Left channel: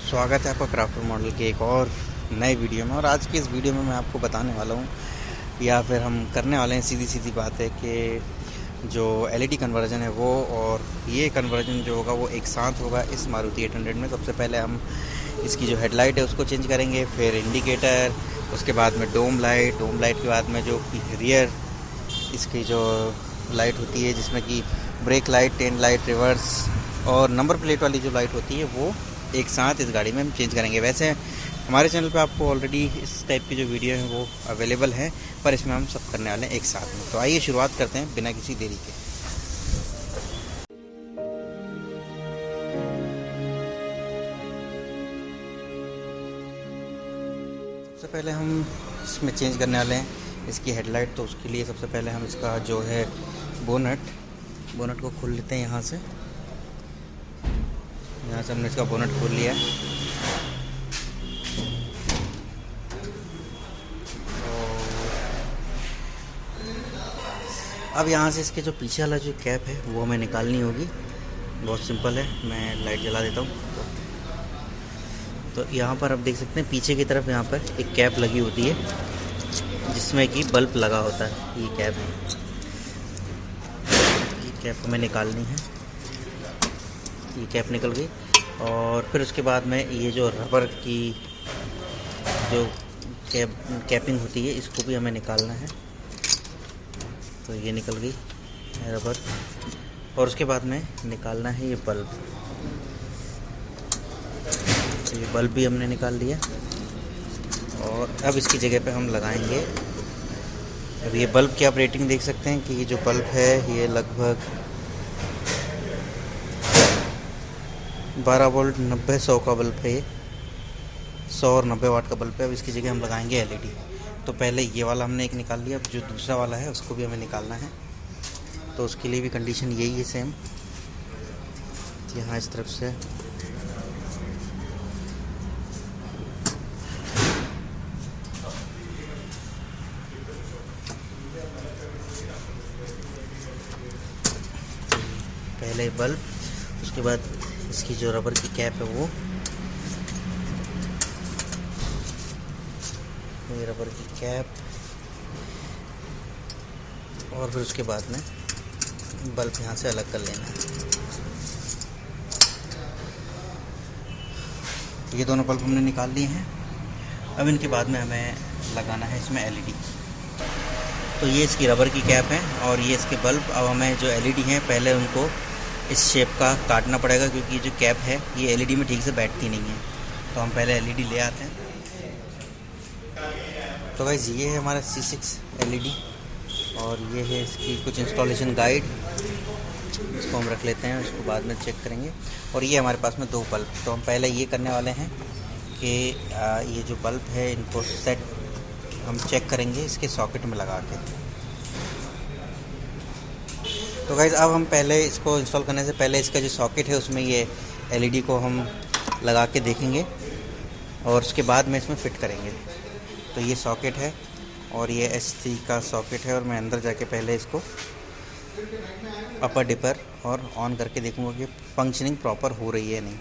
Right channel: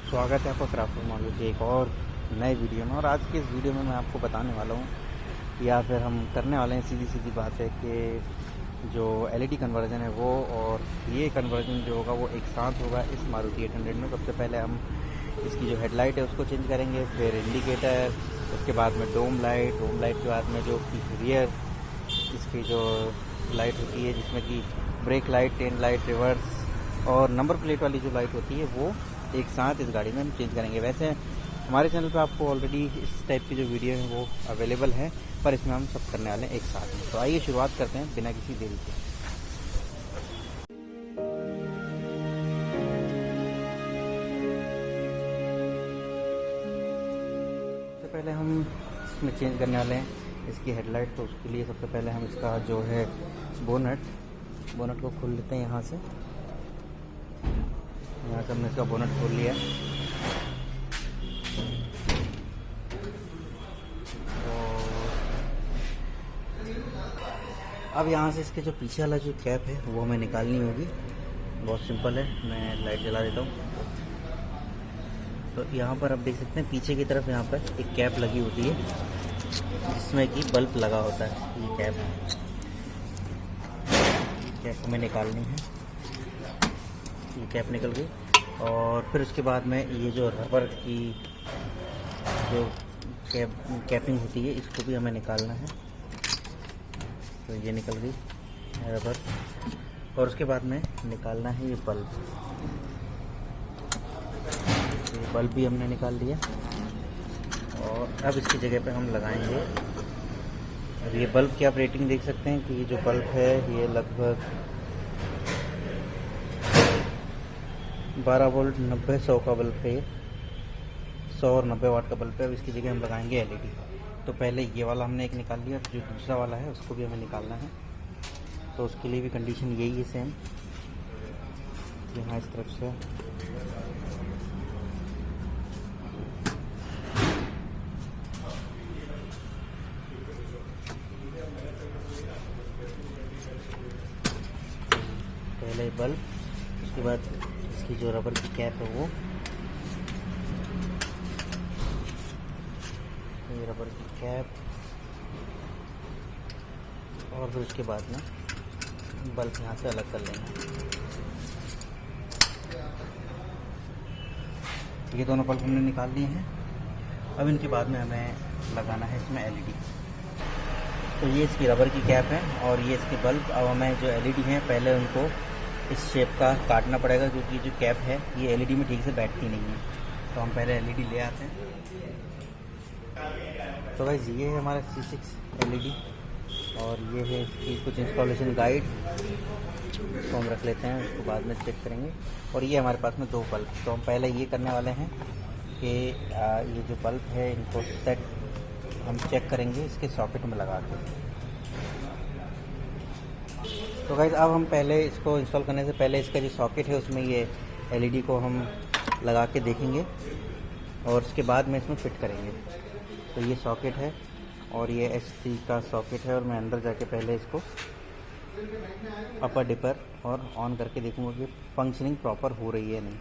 स्वागत है आपका क्राफ्टर मॉडल के एक और नए वीडियो में। और आज की इस वीडियो में मैं आपको बताने वाला हूँ या फिर हम करने वाले हैं सीधी सीधी बात है कि जो एलईडी कन्वर्जन है वो और ये कन्वर्जन जो होगा वो एक साथ होगा इस मारुति 800 में। सबसे पहले हम इसकी जो हेडलाइट है उसको चेंज करेंगे, फिर इंडिकेटर, उसके बाद में डोम लाइट के बाद में जो रियर इसकी जो लाइट होती है जिसमें कि brake light, tail light, reverse और नंबर प्लेट वाली जो लाइट होती है वो एक साथ इस गाड़ी में हम चेंज करेंगे। वैसे हमारे चैनल पे आपको ऑलरेडी इस टाइप की जो वीडियो है वो अवेलेबल है, पर इसमें हम सब करने वाले हैं एक साथ। तो आइए शुरुआत करते हैं बिना किसी देरी के। सबसे पहले हम इसमें चेंज करने वाले हैं इसकी हेडलाइट। तो उसके लिए सबसे पहले हम इसका जो है बोनट को खोल लेते हैं। यहाँ से हमने इसका बोनट खोल लिया है। अब यहाँ से इसके जो पीछे वाला जो कैप है वो हमें निकालनी होगी। बहुत सिंपल है, मैं लाइट जला देता हूँ। तो यहाँ पर आप देख सकते हैं पीछे की तरफ यहाँ पर एक कैप लगी होती है जिसमें कि बल्ब लगा होता है। ये कैप है, ये कैप हमें निकालनी है। ये कैप निकल गई और फिर उसके बाद में ये जो रबर की जो कैपिंग होती है इसको भी हमें निकालना है। तो ये निकल गई रबर और उसके बाद में निकालना है ये बल्ब। तो ये बल्ब भी हमने निकाल लिया और अब इसकी जगह पे हम लगाएंगे। अब ये बल्ब की आप रेटिंग देख सकते हैं कि ये जो बल्ब है ये लगभग 12 वोल्ट 90-100 का बल्ब है। ये 100 और 90 वाट का बल्ब है। अब इसकी जगह हम लगाएंगे एलईडी। तो पहले ये वाला हमने एक निकाल लिया, अब जो दूसरा वाला है उसको भी हमें निकालना है। तो उसके लिए भी कंडीशन यही है सेम। यहाँ इस तरफ से पहले बल्ब, उसके बाद इसकी जो रबर की कैप है वो, ये रबर की कैप और फिर उसके बाद में बल्ब यहाँ से अलग कर लेना है। ये दोनों बल्ब हमने निकाल लिए हैं। अब इनके बाद में हमें लगाना है इसमें एलईडी। तो ये इसकी रबर की कैप है और ये इसके बल्ब। अब हमें जो एलईडी है पहले उनको इस शेप का काटना पड़ेगा क्योंकि जो कैप है ये एलईडी में ठीक से बैठती नहीं है। तो हम पहले एलईडी ले आते हैं। तो गाइस ये है हमारा C6 एलईडी और ये है इसकी कुछ इंस्टॉलेशन गाइड। इसको हम रख लेते हैं, उसके बाद में चेक करेंगे। और ये हमारे पास में दो बल्ब। तो हम पहले ये करने वाले हैं कि ये जो बल्ब है इनको सेट हम चेक करेंगे इसके सॉकेट में लगा कर। तो गाइस अब हम पहले इसको इंस्टॉल करने से पहले इसका जो सॉकेट है उसमें ये एलईडी को हम लगा के देखेंगे और उसके बाद में इसमें फिट करेंगे। तो ये सॉकेट है और ये S3 का सॉकेट है और मैं अंदर जाके पहले इसको अपर डिपर और ऑन करके देखूंगा कि फंक्शनिंग प्रॉपर हो रही है नहीं।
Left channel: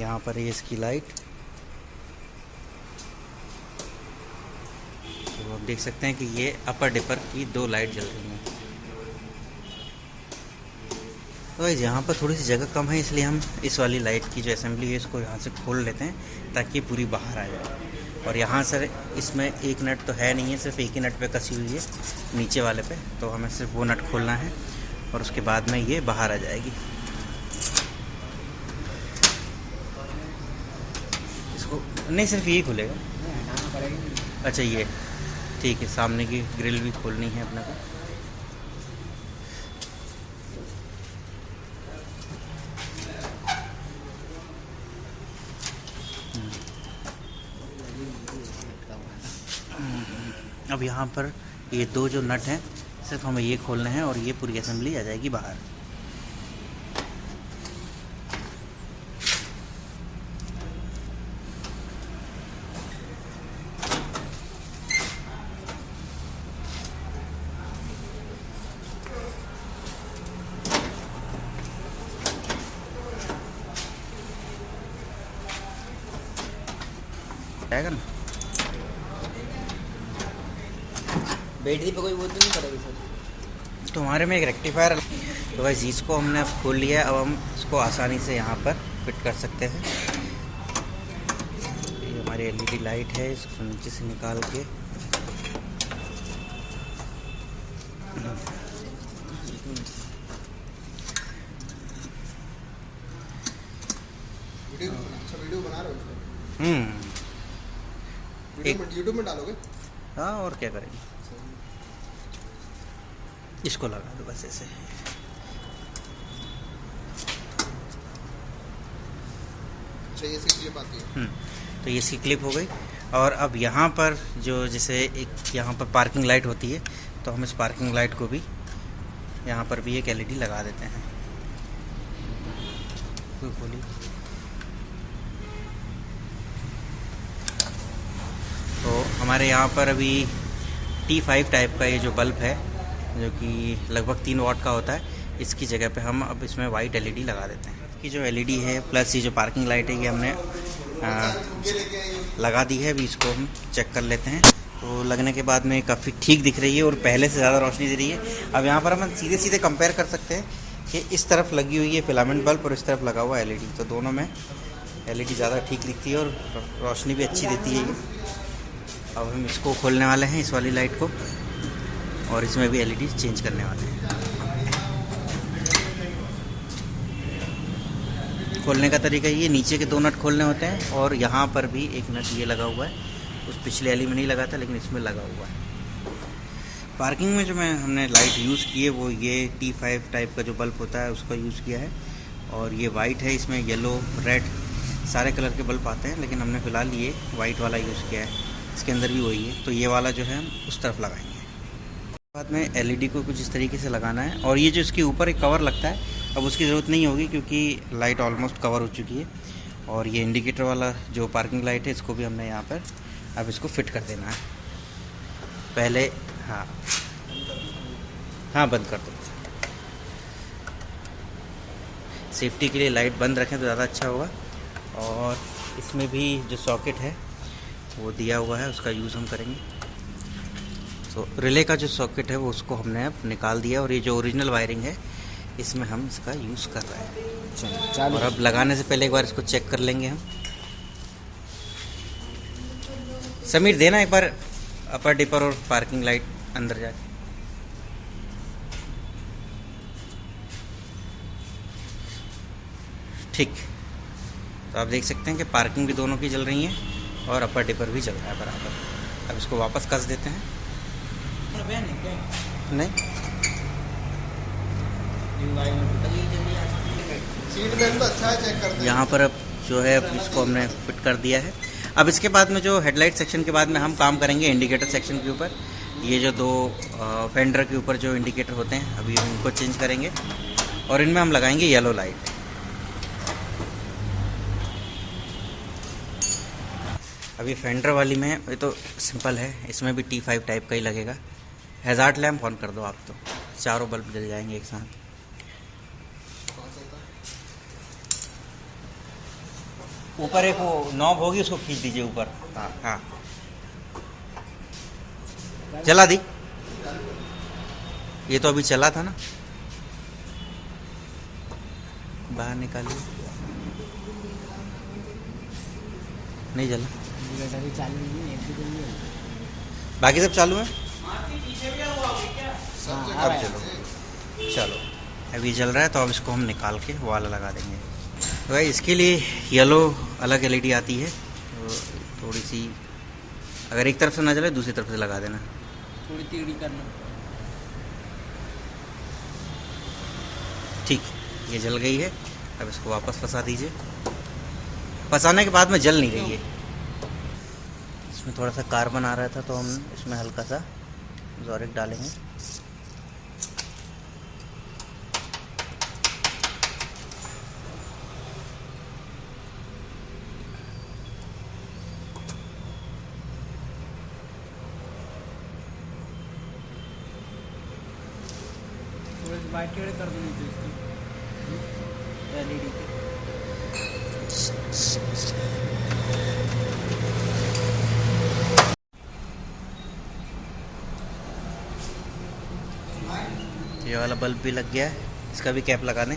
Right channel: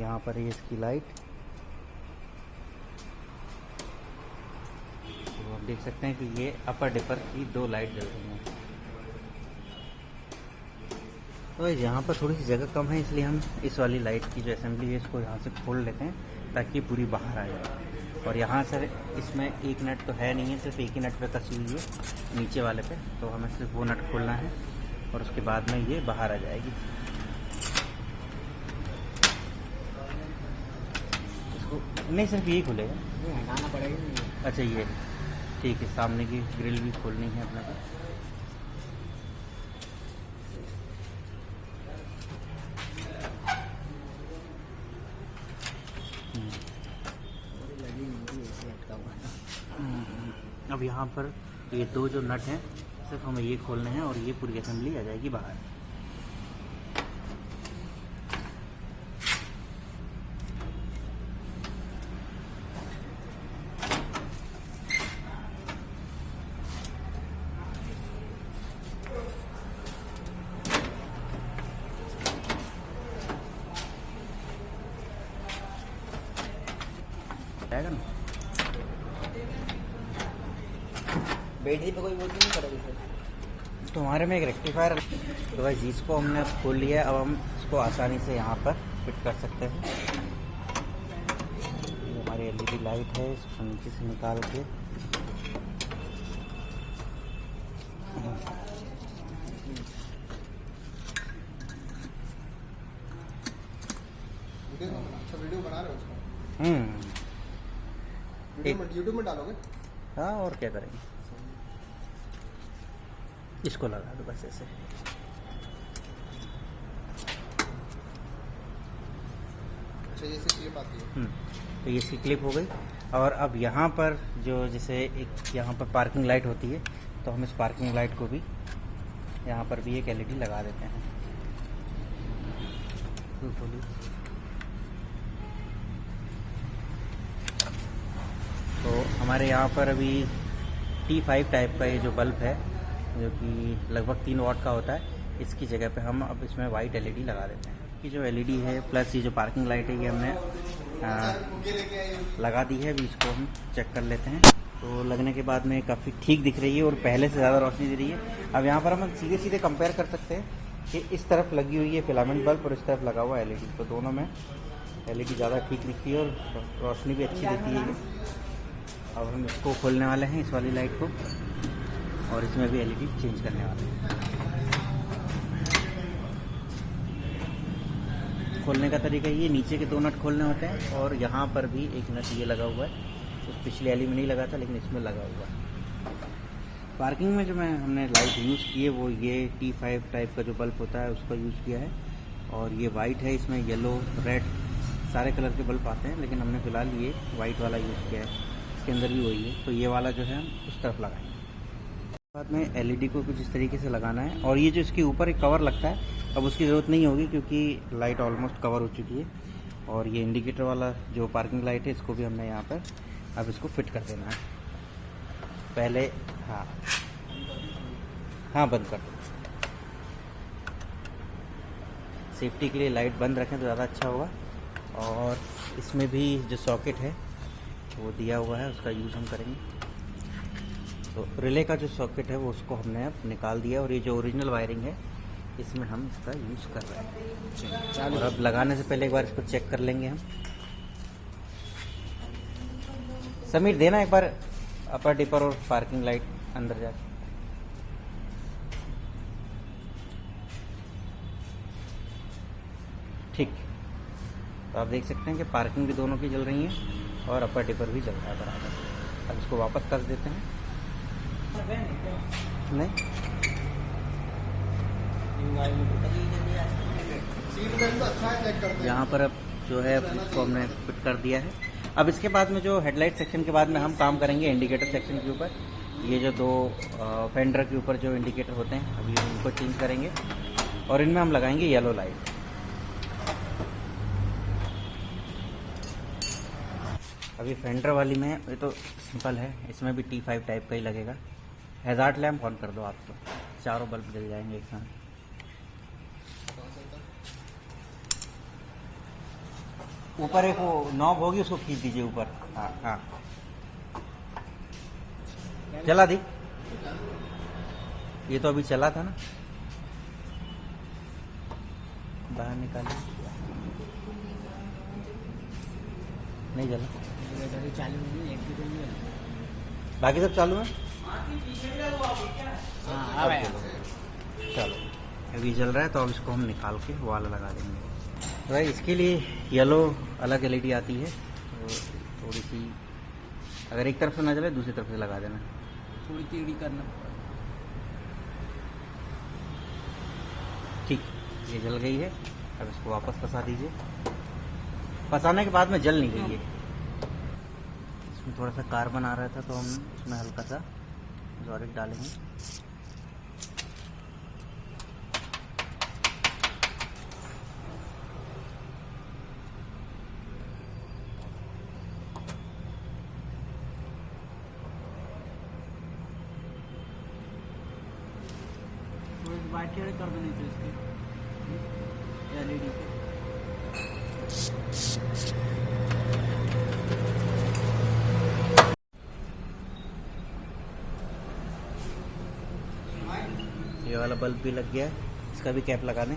यहाँ पर ये इसकी लाइट, तो आप देख सकते हैं कि ये अपर डिपर की दो लाइट जल रही हैं। तो यहाँ पर थोड़ी सी जगह कम है इसलिए हम इस वाली लाइट की जो असेंबली है इसको यहाँ से खोल लेते हैं ताकि पूरी बाहर आए। और यहाँ सर इसमें एक नट तो है नहीं है, सिर्फ एक ही नट पे कसी हुई है नीचे वाले पे। तो हमें सिर्फ वो नट खोलना है और उसके बाद में ये बाहर आ जाएगी। इसको नहीं, सिर्फ यही खुलेगा, हटाना पड़ेगा। अच्छा ये ठीक है, सामने की ग्रिल भी खोलनी है अपने को। अब यहाँ पर ये दो जो नट हैं सिर्फ हमें ये खोलने हैं और ये पूरी असेंबली आ जाएगी बाहर। जाएगा ना। बैटरी पे कोई वो तो नहीं पड़ेगी सर? तो हमारे में एक रेक्टिफायर, तो वैसे इसको हमने खोल लिया, अब हम इसको आसानी से यहाँ पर फिट कर सकते हैं। हमारी एलईडी लाइट है, इसको नीचे से निकाल के वीडियो बना रहे हो उसको? यूट्यूब में डालोगे? हाँ, और क्या करें, इसको लगा दो बस ऐसे। अच्छा, ये इसकी क्लिप आती है। तो ये इसकी क्लिप हो गई। और अब यहाँ पर जो जैसे एक यहाँ पर पार्किंग लाइट होती है, तो हम इस पार्किंग लाइट को भी यहाँ पर भी एक एलईडी लगा देते हैं। तो हमारे यहाँ पर अभी T5 टाइप का ये जो बल्ब है, जो कि लगभग 3 वाट का होता है, इसकी जगह पे हम अब इसमें वाइट एलईडी लगा देते हैं। कि जो एलईडी है प्लस ये जो पार्किंग लाइट है, ये हमने लगा दी है। अभी इसको हम चेक कर लेते हैं। तो लगने के बाद में काफ़ी ठीक दिख रही है और पहले से ज़्यादा रोशनी दे रही है। अब यहाँ पर हम सीधे सीधे कंपेयर कर सकते हैं कि इस तरफ लगी हुई है फिलामेंट बल्ब और इस तरफ लगा हुआ एलईडी, तो दोनों में एलईडी ज़्यादा ठीक दिखती है और रोशनी भी अच्छी देती है। अब हम इसको खोलने वाले हैं, इस वाली लाइट को, और इसमें भी एलईडी चेंज करने वाले हैं। खोलने का तरीका ये, नीचे के 2 नट खोलने होते हैं और यहाँ पर भी एक नट ये लगा हुआ है। उस पिछले वाली में नहीं लगा था, लेकिन इसमें लगा हुआ है। पार्किंग में जो हमने लाइट यूज़ की है वो ये T5 टाइप का जो बल्ब होता है उसका यूज़ किया है। और ये वाइट है, इसमें येलो, रेड सारे कलर के बल्ब आते हैं, लेकिन हमने फ़िलहाल ये वाइट वाला यूज़ किया है। इसके अंदर भी वही है, तो ये वाला जो है उस तरफ लगाएंगे। बाद में एलईडी को कुछ इस तरीके से लगाना है। और ये जो इसके ऊपर एक कवर लगता है, तो उसकी ज़रूरत नहीं होगी क्योंकि लाइट ऑलमोस्ट कवर हो चुकी है। और ये इंडिकेटर वाला जो पार्किंग लाइट है, इसको भी हमने यहाँ पर अब इसको फिट कर देना है पहले। हाँ हाँ, बंद कर दो। सेफ्टी के लिए लाइट बंद रखें तो ज़्यादा अच्छा होगा। और इसमें भी जो सॉकेट है वो दिया हुआ है, उसका यूज़ हम करेंगे। तो रिले का जो सॉकेट है वो उसको हमने अब निकाल दिया, और ये जो ओरिजिनल वायरिंग है इसमें हम इसका यूज़ कर रहे हैं। चलो चालू। अब लगाने से पहले एक बार इसको चेक कर लेंगे हम। समीर, देना एक बार अपर डिपर और पार्किंग लाइट अंदर जाए। ठीक, तो आप देख सकते हैं कि पार्किंग भी दोनों की चल रही है और अपर डिपर भी चल रहा है बराबर। अब इसको वापस कस देते हैं। नहीं, सीट बेल्ट तो अच्छा है, चेक करते हैं। यहाँ पर अब जो है अब इसको हमने फिट कर दिया है। अब इसके बाद में जो हेडलाइट सेक्शन के बाद में हम काम करेंगे इंडिकेटर सेक्शन के ऊपर। ये जो 2 फेंडर के ऊपर जो इंडिकेटर होते हैं, अभी उनको चेंज करेंगे और इनमें हम लगाएंगे येलो लाइट। अभी फेंडर वाली में ये तो सिंपल है, इसमें भी T5 टाइप का ही लगेगा। हैज़ार्ड लैम्प ऑन कर दो आप, तो चारों बल्ब जल जाएंगे एक साथ। ऊपर एक वो नॉब होगी, उसको खींच दीजिए ऊपर। हाँ, जला दी। ये तो अभी चला था ना, बाहर निकालिए। नहीं जला, बाकी सब चालू है। सब जगह चलते। चलो, अभी जल रहा है तो अब इसको हम निकाल के वाला लगा देंगे। तो भाई इसके लिए येलो अलग एलईडी आती है, तो थोड़ी सी अगर एक तरफ से ना जले दूसरी तरफ से लगा देना। थोड़ी टेढ़ी करना। ठीक, ये जल गई है। अब इसको वापस फंसा दीजिए। फंसाने के बाद में जल नहीं रही है। इसमें थोड़ा सा कार्बन आ रहा था, तो हम इसमें हल्का सा जोरिक डालेंगे। वाला बल्ब भी लग गया है, इसका भी कैप लगा दें।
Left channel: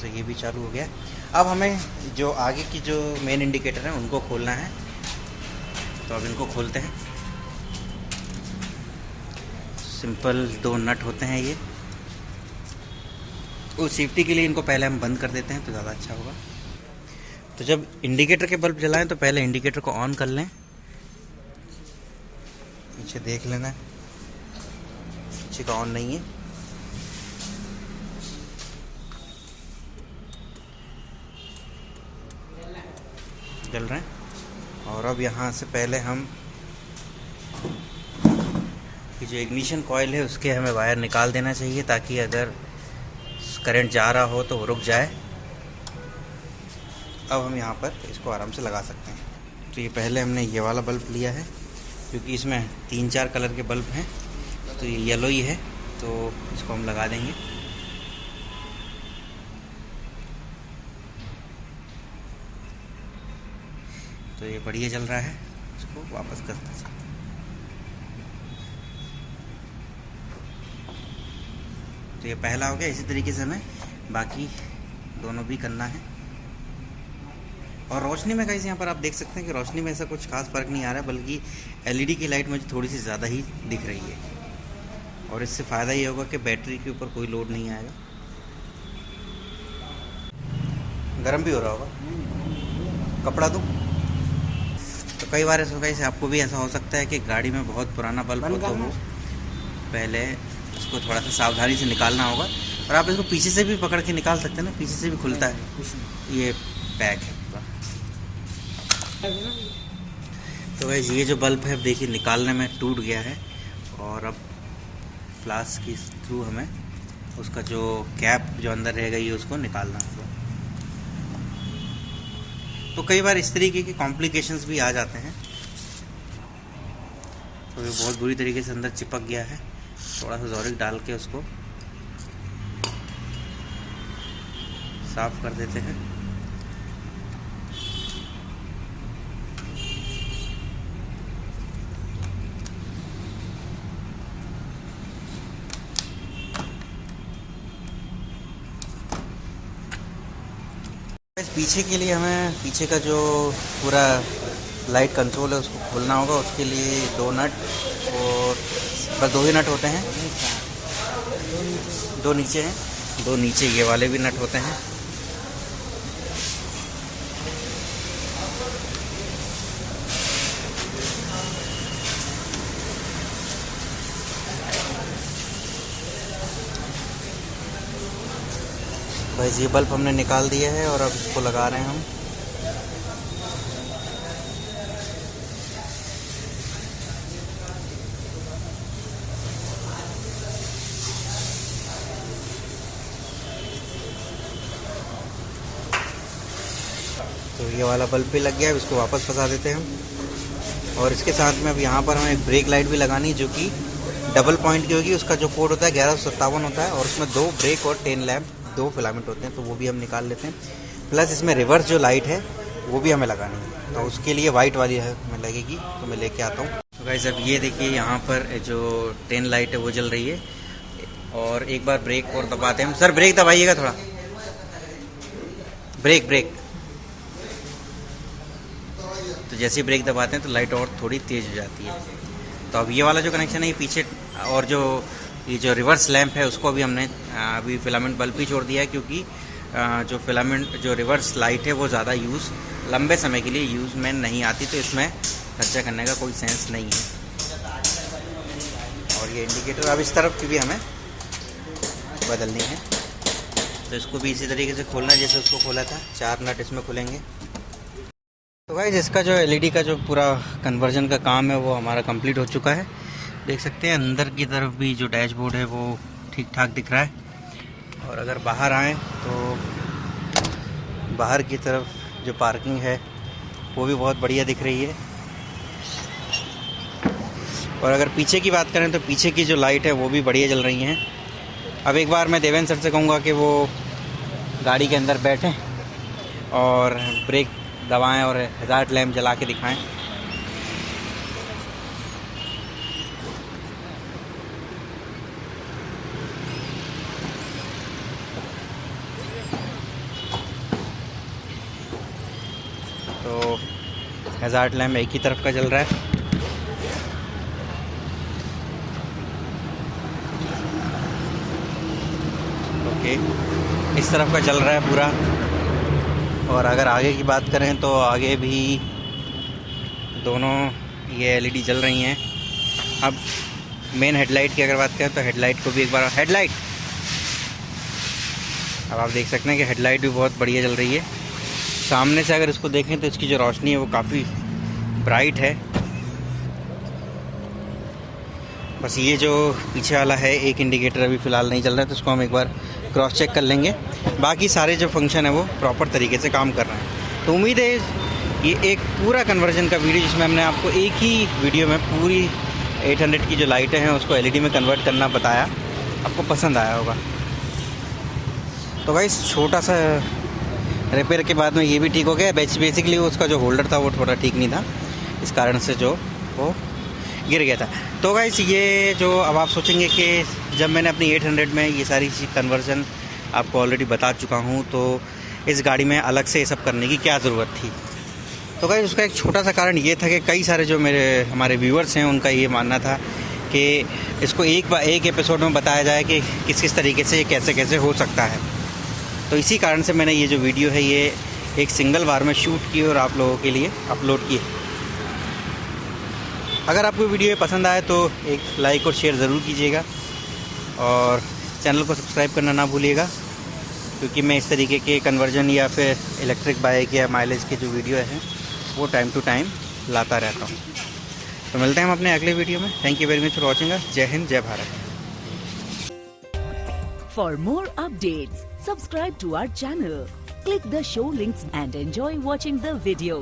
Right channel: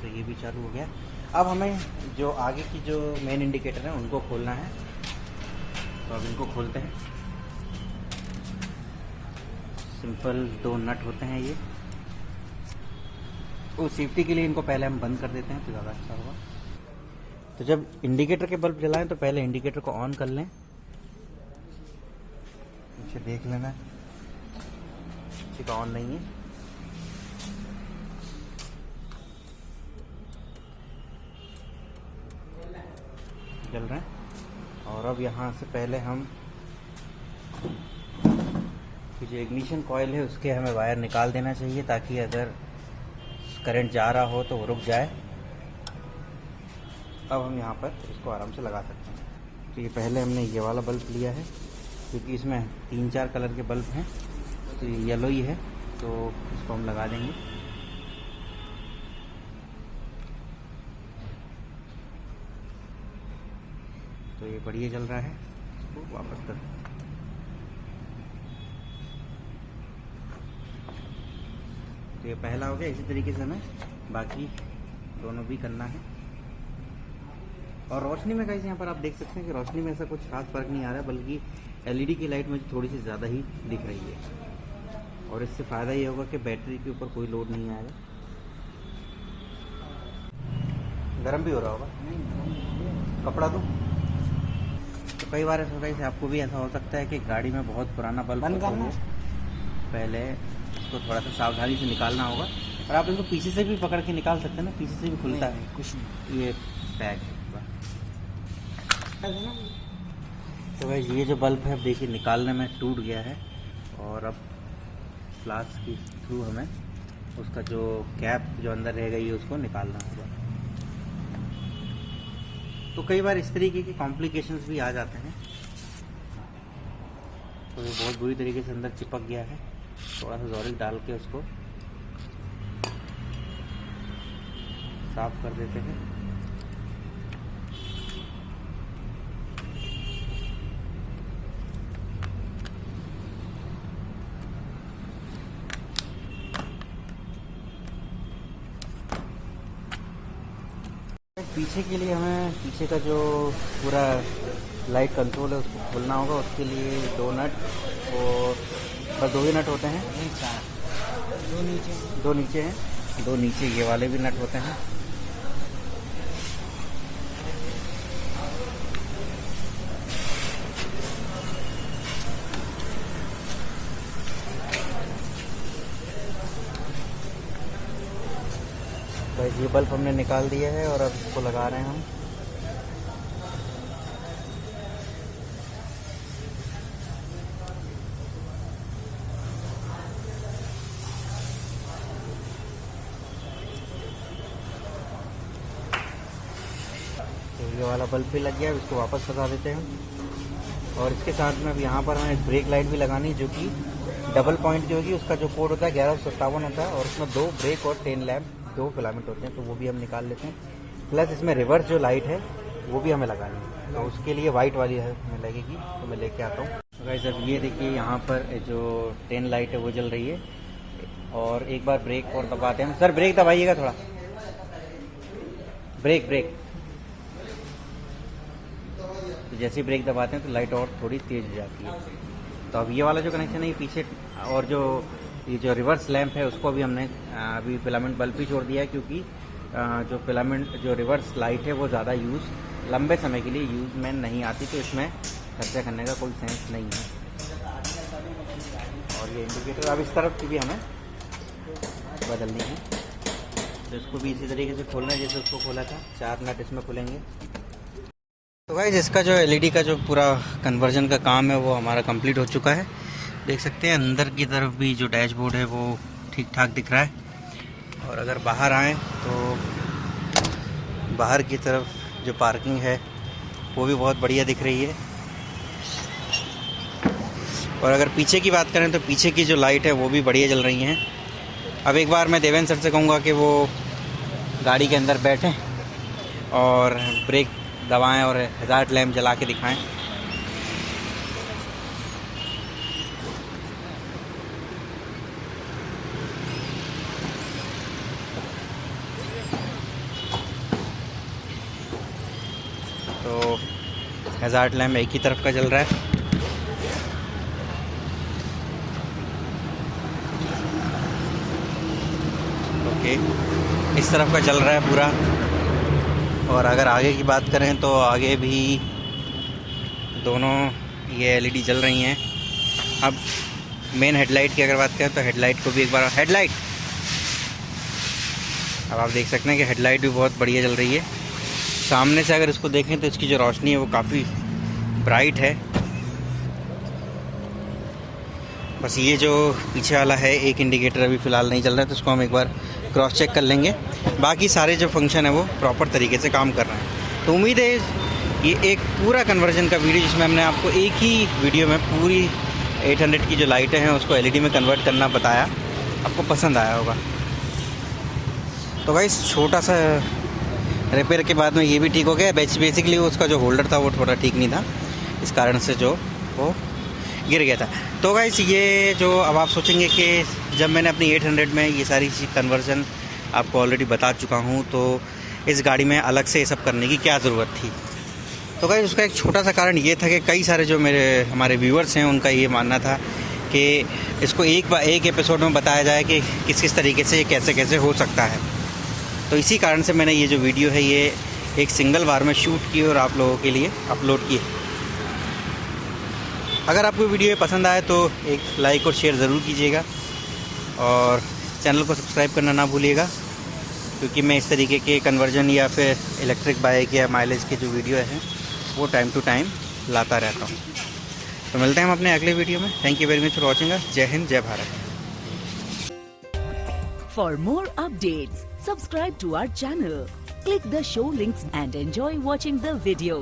तो ये भी चालू हो गया। अब हमें जो आगे की जो मेन इंडिकेटर है उनको खोलना है, तो अब इनको खोलते हैं। सिंपल 2 नट होते हैं ये, उस सेफ्टी के लिए इनको पहले हम बंद कर देते हैं तो ज़्यादा अच्छा होगा। तो जब इंडिकेटर के बल्ब जलाएं तो पहले इंडिकेटर को ऑन कर लें। पीछे देख लेना, पीछे का ऑन नहीं है। जल रहे हैं। और अब यहाँ से पहले हम जो इग्निशन कॉइल है उसके हमें वायर निकाल देना चाहिए, ताकि अगर करंट जा रहा हो तो वो रुक जाए। अब हम यहाँ पर इसको आराम से लगा सकते हैं। तो ये पहले हमने ये वाला बल्ब लिया है, क्योंकि इसमें 3-4 कलर के बल्ब हैं, तो ये येलो ही है, तो इसको हम लगा देंगे। तो ये बढ़िया जल रहा है, इसको वापस करते हैं। तो ये पहला हो गया। इसी तरीके से हमें बाकी दोनों भी करना है। और रोशनी में गाइस यहाँ पर आप देख सकते हैं कि रोशनी में ऐसा कुछ खास फर्क नहीं आ रहा है, बल्कि एलईडी की लाइट मुझे थोड़ी सी ज़्यादा ही दिख रही है। और इससे फ़ायदा ये होगा कि बैटरी के ऊपर कोई लोड नहीं आएगा। गर्म भी हो रहा होगा, कपड़ा दो। तो कई बार ऐसा गाइस आपको भी ऐसा हो सकता है कि गाड़ी में बहुत पुराना बल्ब हो, तो पहले इसको थोड़ा सा सावधानी से निकालना होगा। और आप इसको पीछे से भी पकड़ के निकाल सकते हैं ना, पीछे से भी खुलता है। ये पैक है। तो गाइस ये जो बल्ब है देखिए निकालने में टूट गया है, और अब फ्लास्क के थ्रू हमें उसका जो कैप जो अंदर रह गई है उसको निकालना है। तो कई बार इस तरीके के कॉम्प्लिकेशंस भी आ जाते हैं। तो ये बहुत बुरी तरीके से अंदर चिपक गया है, थोड़ा सा ज़ोरिक डाल के उसको साफ कर देते हैं। पीछे के लिए हमें पीछे का जो पूरा लाइट कंट्रोल है उसको खोलना होगा। उसके लिए 2 नट, और बस 2 ही नट होते हैं। 2 नीचे ये वाले भी नट होते हैं। बस ये बल्ब हमने निकाल दिया है और अब इसको लगा रहे हैं हम। तो ये वाला बल्ब भी लग गया है, इसको वापस फंसा देते हैं हम। और इसके साथ में अब यहाँ पर हमें ब्रेक लाइट भी लगानी है, जो कि डबल पॉइंट की होगी। उसका जो कोड होता है 1157 होता है, और उसमें 2 ब्रेक और 10 लैंप 2 फिलामेंट होते हैं, तो वो भी हम निकाल लेते हैं। प्लस इसमें रिवर्स जो लाइट है वो भी हमें लगानी है, तो उसके लिए वाइट वाली है हमें लगेगी, तो मैं लेके आता हूँ। तो गाइस अब ये देखिए यहाँ पर जो 10 लाइट है वो जल रही है। और एक बार ब्रेक और दबाते हैं हम। सर ब्रेक दबाइएगा थोड़ा, ब्रेक। तो जैसे ही ब्रेक दबाते हैं तो लाइट और थोड़ी तेज़ हो जाती है। तो अब ये वाला जो कनेक्शन है पीछे, और ये जो रिवर्स लैंप है उसको अभी हमने अभी फिलामेंट बल्ब ही छोड़ दिया है, क्योंकि जो रिवर्स लाइट है वो ज़्यादा लंबे समय के लिए यूज़ में नहीं आती, तो इसमें खर्चा करने का कोई सेंस नहीं है। और ये इंडिकेटर अब इस तरफ की भी हमें बदलनी है, तो इसको भी इसी तरीके से खोलना है जैसे उसको खोला था। 4 नट इसमें खुलेंगे। तो गाइस इसका जो एलईडी का जो पूरा कन्वर्जन का काम है वो हमारा कंप्लीट हो चुका है। देख सकते हैं अंदर की तरफ भी जो डैशबोर्ड है वो ठीक ठाक दिख रहा है। और अगर बाहर आएँ तो बाहर की तरफ जो पार्किंग है वो भी बहुत बढ़िया दिख रही है। और अगर पीछे की बात करें तो पीछे की जो लाइट है वो भी बढ़िया जल रही हैं। अब एक बार मैं देवेंद्र सर से कहूँगा कि वो गाड़ी के अंदर बैठें और ब्रेक दबाएं और हज़ार्ड लैंप जला के दिखाएं। हैजार्ड लैम्प एक ही तरफ का जल रहा है। ओके, इस तरफ का जल रहा है पूरा। और अगर आगे की बात करें तो आगे भी दोनों ये एलईडी जल रही हैं। अब मेन हेडलाइट की अगर बात करें तो हेडलाइट को भी एक बार हेडलाइट, अब आप देख सकते हैं कि हेडलाइट भी बहुत बढ़िया जल रही है। सामने से अगर इसको देखें तो इसकी जो रोशनी है वो काफ़ी ब्राइट है। बस ये जो पीछे वाला है एक इंडिकेटर अभी फ़िलहाल नहीं चल रहा है, तो इसको हम एक बार क्रॉस चेक कर लेंगे। बाकी सारे जो फंक्शन है वो प्रॉपर तरीके से काम कर रहे हैं। तो उम्मीद है ये एक पूरा कन्वर्जन का वीडियो जिसमें हमने आपको एक ही वीडियो में पूरी 800 की जो लाइटें हैं उसको एलईडी में कन्वर्ट करना बताया, आपको पसंद आया होगा। तो गाइस छोटा सा रिपेयर के बाद में ये भी ठीक हो गया। बेसिकली उसका जो होल्डर था वो थोड़ा ठीक नहीं था, इस कारण से जो वो गिर गया था। तो गाइस ये जो अब आप सोचेंगे कि जब मैंने अपनी 800 में ये सारी चीज़ कन्वर्जन आपको ऑलरेडी बता चुका हूँ तो इस गाड़ी में अलग से ये सब करने की क्या ज़रूरत थी। तो गाइस उसका एक छोटा सा कारण ये था कि कई सारे जो हमारे व्यूअर्स हैं उनका ये मानना था कि इसको एक एपिसोड में बताया जाए कि किस किस तरीके से ये कैसे कैसे हो सकता है। तो इसी कारण से मैंने ये जो वीडियो है ये एक सिंगल बार में शूट की और आप लोगों के लिए अपलोड की। अगर आपको वीडियो पसंद आए तो एक लाइक और शेयर ज़रूर कीजिएगा और चैनल को सब्सक्राइब करना ना भूलिएगा, क्योंकि मैं इस तरीके के कन्वर्जन या फिर इलेक्ट्रिक बाइक या माइलेज के जो वीडियो हैं वो टाइम टू टाइम लाता रहता हूँ। तो मिलते हैं हम अपने अगले वीडियो में। Thank you very much for watching us. जय हिंद, जय Bharat. For more updates, subscribe to our channel, click the show links and enjoy watching the videos.